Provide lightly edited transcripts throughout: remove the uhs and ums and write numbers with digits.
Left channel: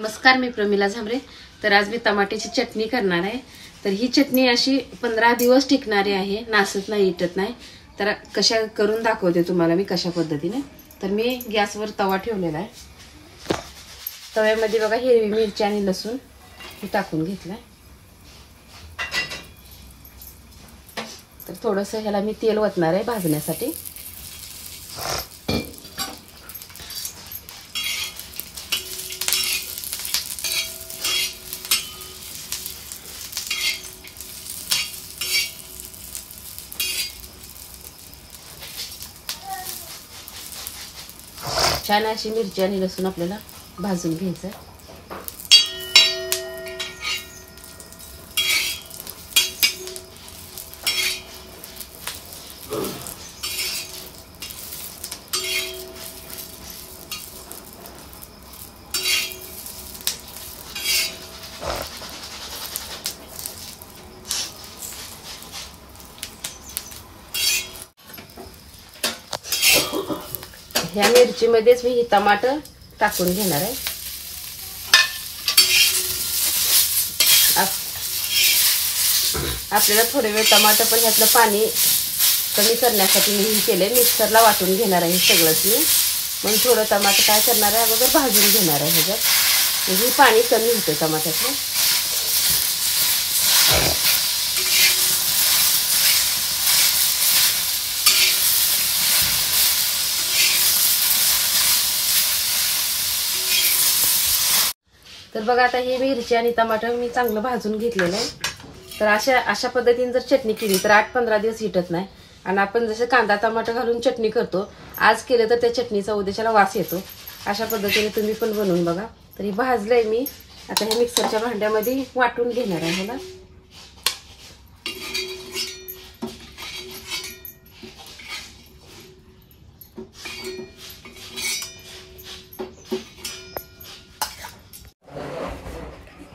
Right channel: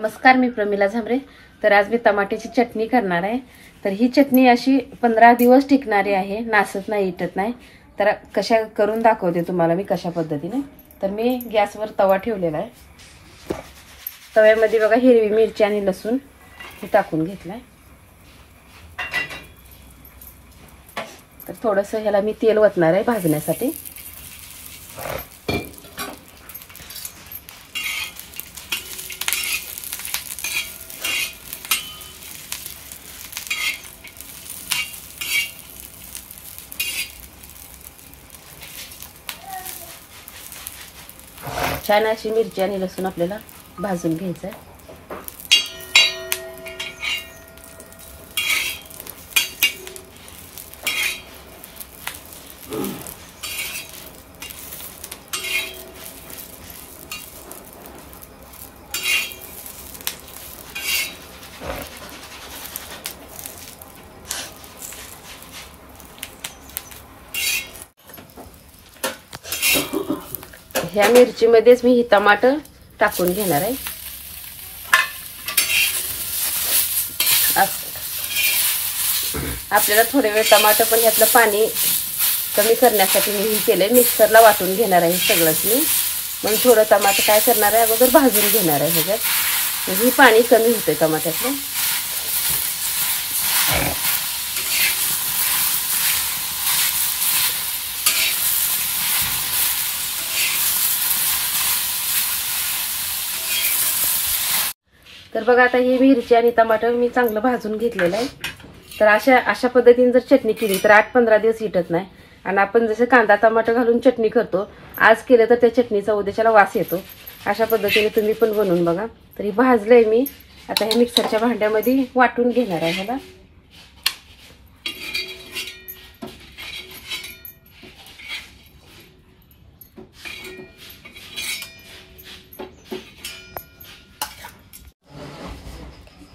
नमस्कार, मी प्रमिला झांबरे। तर आज मी टमाट्याची चटणी करणार आहे। तर ही चटणी अशी 15 दिवस टिकणारी आहे, नासत नाही, इटत नाही। तर कशा करून दाखवते तुम्हाला मी कशा पद्धतीने। तर मी गॅसवर तवा ठेवलेला आहे। तव्यामध्ये बघा हिरवी मिरची आणि लसूण हे टाकून घेतलाय। तर थोडंसं ह्याला मी तेल ओतणार आहे भाजण्यासाठी। छान अशी मिरची आणि लसूण आपल्याला भाजून घ्यायचं आहे। ह्या मिरचीमध्येच मी ही टमाटर टाकून घेणार आहे। आपल्याला थोडे वेळ टमाटर पण यातलं पाणी कमी करण्यासाठी मी हे केले, मिक्सरला वाटून घेणार आहे सगळंच मी। मग थोडं टमाटर काय करणार आहे, अगोदर भाजून घेणार आहे ह्याच्यात, म्हणजे पाणी कमी होते टमाट्याचं। तर बघा आता ही मिरची आणि टमाटर मी चांगलं भाजून घेतलेलं आहे। तर अशा पद्धतीने जर चटणी केली तर 8-15 दिवस इटत नाही। आणि आपण जसं कांदा टमाटर घालून चटणी करतो, आज केलं तर त्या चटणीचा उद्याच्याला वास येतो। अशा पद्धतीने तुम्ही पण बनवून बघा। तरी भाजलंय मी, आता हे मिक्सरच्या भांड्यामध्ये वाटून घेणार आहे ह्याला।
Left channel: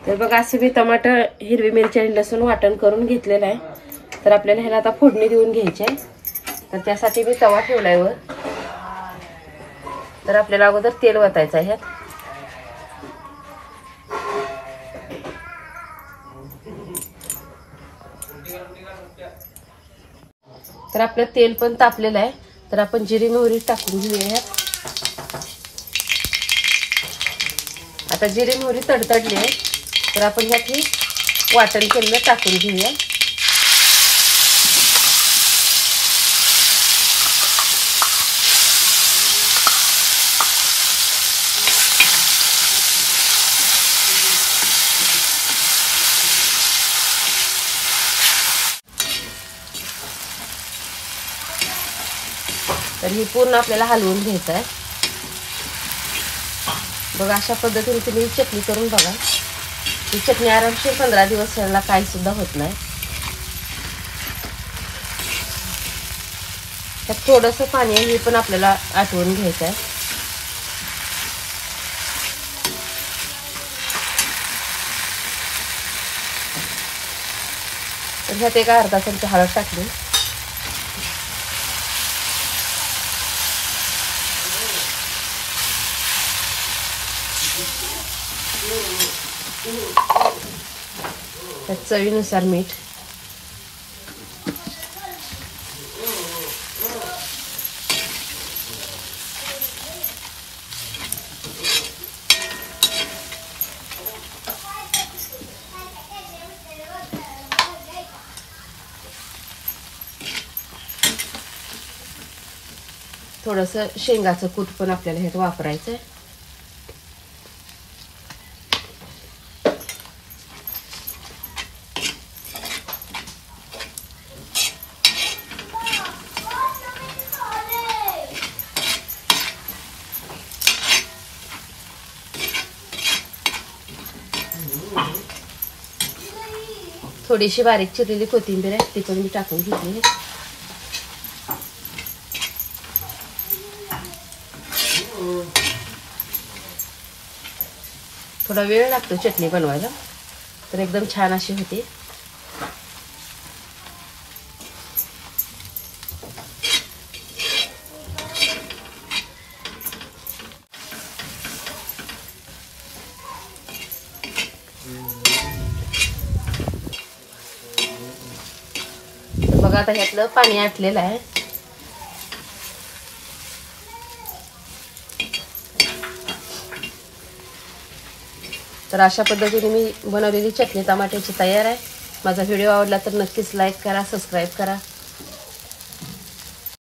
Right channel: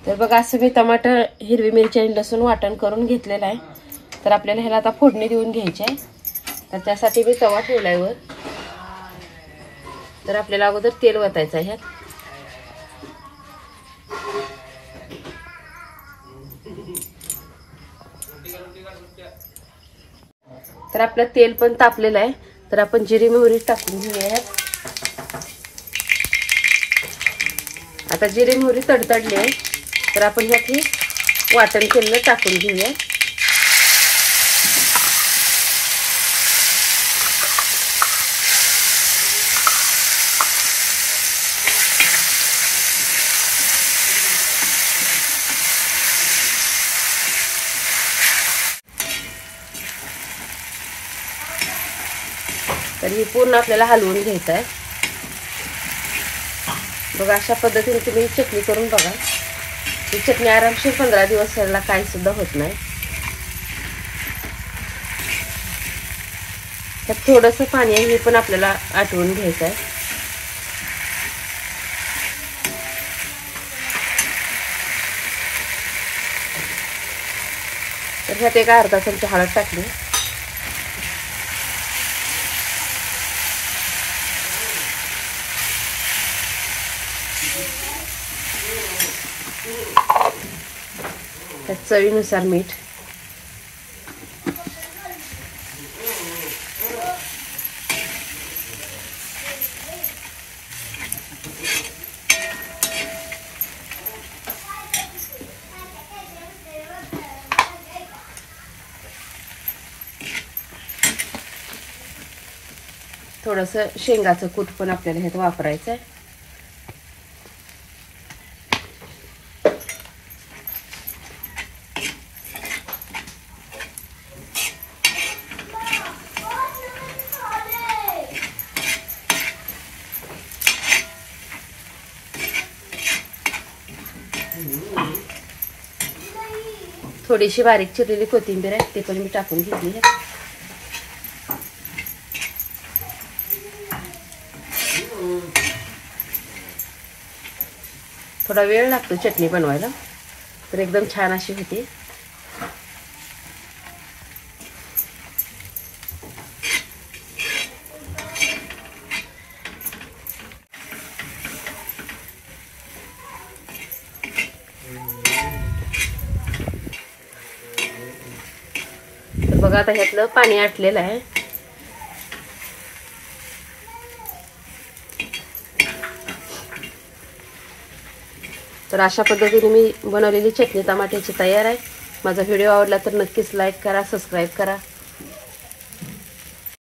तर बघा असं मी टमाटर, हिरवी मिरची आणि लसूण वाटण करून घेतलेलं आहे। तर आपल्याला ह्याला आता फोडणी देऊन घ्यायची आहे। तर त्यासाठी मी तवा ठेवलाय वर। तर आपल्याला अगोदर तेल ओतायचं आहे। तर आपलं तेल पण तापलेलं आहे। तर आपण जिरे मोहरी टाकून घेऊया। आता जिरे मोहरी तडतडले आहे, तर आपण ह्यात वाटण केलेलं टाकून घेऊया। तर हे पूर्ण आपल्याला हलवून घ्यायचं आहे। बघा अशा पद्धतीने तुम्ही चटणी करून बघा। ही चटणी आरामशीर 15 दिवस याला काही सुद्धा होत नाही। तर थोडंसं पाणी आहे, हे पण आपल्याला आटवून घ्यायचं आहे। तर ह्यात एक अर्धा चमचा हळद टाकली। चवीनुसार मीठ। थोडंसं शेंगाचं कूट पण आपल्याला ह्यात वापरायचं आहे। थोडीशी बारीक चिरलेली कोथिंबीर आहे, ते पण मी टाकून घेतली। थोडा वेळ लागतो चटणी बनवायला, तर एकदम छान अशी होते। तर बघा आता ह्यातलं पाणी आटलेलं आहे. तर अशा पद्धतीने मी बनवलेली चटणी टमाट्याची तयार आहे. माझा व्हिडिओ आवडला तर नक्कीच लाईक करा, सबस्क्राईब करा.